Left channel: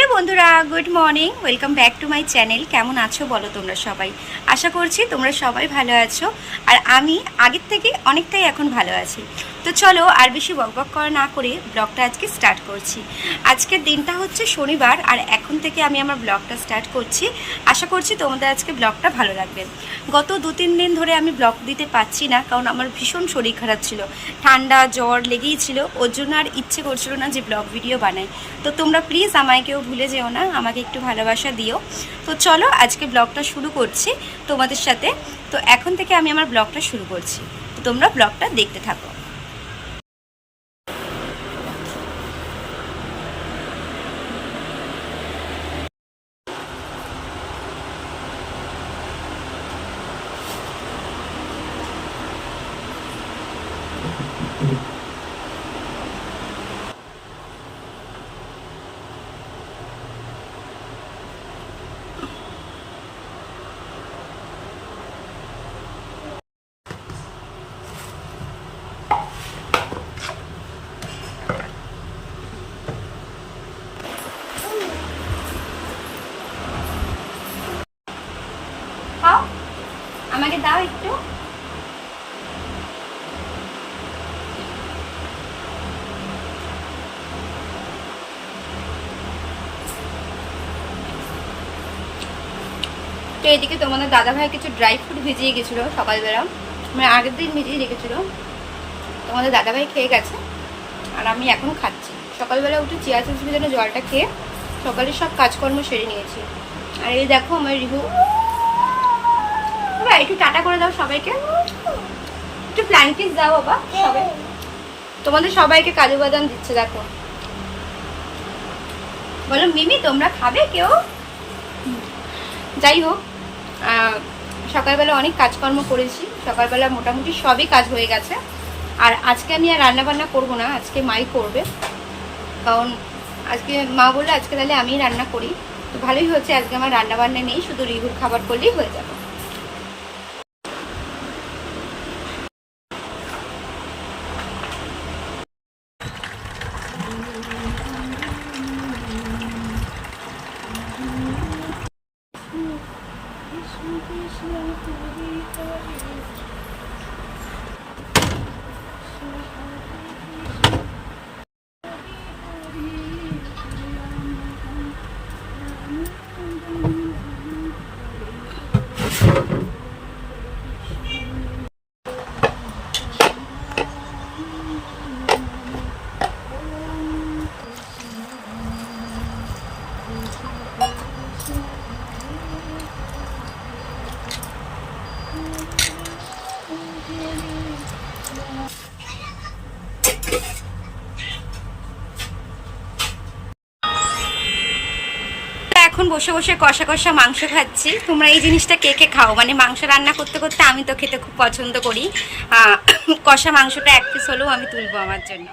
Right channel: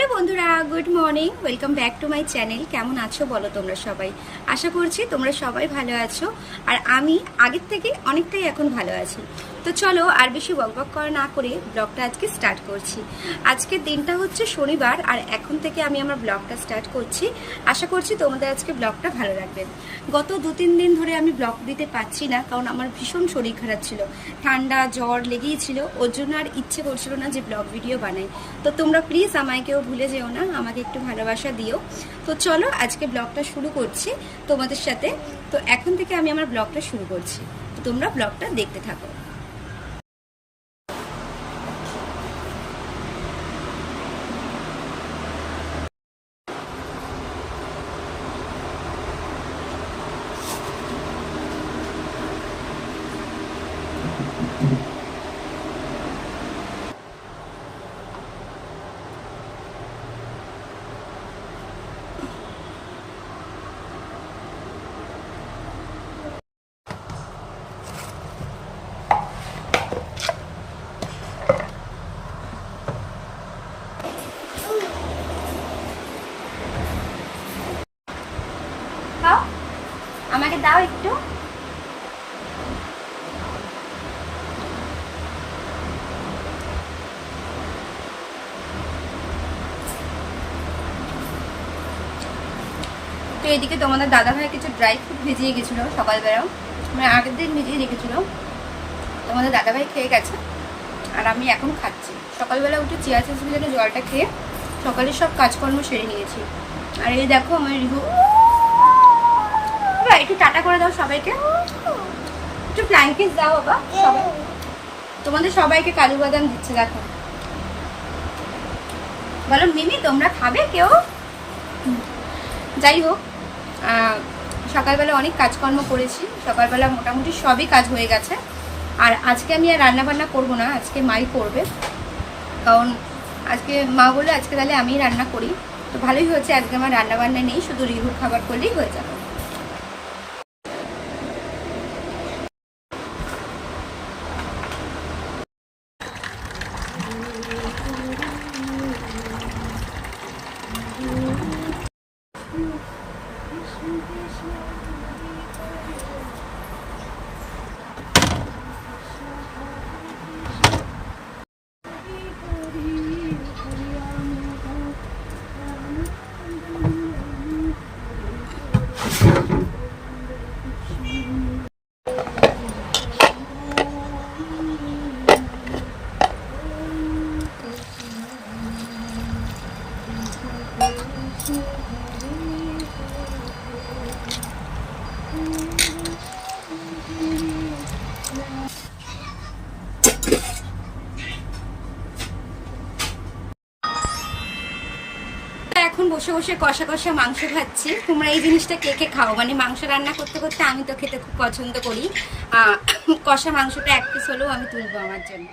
Hello বন্ধুরা, good morning, welcome back to my channel. কেমন আছো বলো তোমরা সবাই? আশা করছি তোমরা সবাই ভালো আছো, আর আমি আগের থেকে অনেকটাই এখন ভালো আছি। তো চলো আর বেশি বকবক করা না করে ব্লগটা আজকে স্টার্ট করছি। আজকের দিনটা হচ্ছে শনিবার, আর এখন থেকে আমি আমার ব্লগটা স্টার্ট করছি। আশা করছি তোমাদের আজকে ব্লগটা ভালো লাগবে। গত 2-3 দিন ধরে আমি ব্লগ দিতে পারছি না, কারণ আমার ভীষণ শরীর খারাপ ছিল, ঠান্ডা জ্বর লেগেই ছিল। ওর জন্য আর ইচ্ছে করছিল না যে ব্লগ ভিডিও বানাই। তো তোমরা প্লিজ আমায় কেউ ভুলে যেও না, আমাকে একটু ভালোবাসা দিও। তো চলো আজকে ব্লগটা শুরু করছি তোমাদের সাথে। তো এখন থেকে আমি আমার ব্লগটা শুরু করছি, তো তোমরা ব্লগটা দেখতে থাকো। খাও, আমাকে দাও একটু। তো এদিকে তোমাদের দাদাভাই কিছু ড্রাই ফ্রুট ভিজিয়ে গেছিলো সকালবেলা, মানে আগের দিন ভিজিয়ে রেখেছিল। তোমাদের দাদাভাই খেয়ে গেছে, আর আমি এখন খাচ্ছি। সকালবেলা উঠে চিয়া সিডস ভিজানো জলটা খেয়ে সকালে সব কাজকর্ম সেরে নিয়েছি। আর এই দেখো আমার রিভু। বাবা একটু টাটা করে দাও সবাইকে, একটু ফ্ল্যাঙ্কিস দাও বাবা সবাই। তোমাদের সবাইকে কাজু বাদাম দিচ্ছে, দেখো। বলো মিমি, তোমরা খাবে কেউ? যাই হোক, সকালবেলা অনেক কাজকর্ম করেছি। সকালবেলা মোটামুটি সবই কাজ হয়ে গেছে। আর আজকে আমি আর রান্নাবান্না করবো না, আজকে মাই করবে। কারণ আজকে মা বললে আজকে তাহলে আমিই রান্না করি। তো ভালোই হয়েছে, আজকে আমার রান্নাবান্না নেই, শুধু রিহুর খাবার করলেই হয়ে যাবে। এখন বসে বসে কষা কষা মাংস খাচ্ছি। তোমরা এই জিনিসটা কে কে খাও? মানে মাংস রান্না করতে করতে আমি তো খেতে খুব পছন্দ করি। কষা মাংসটা 1 পিস হলেও আমি তুলবো আমার জন্য।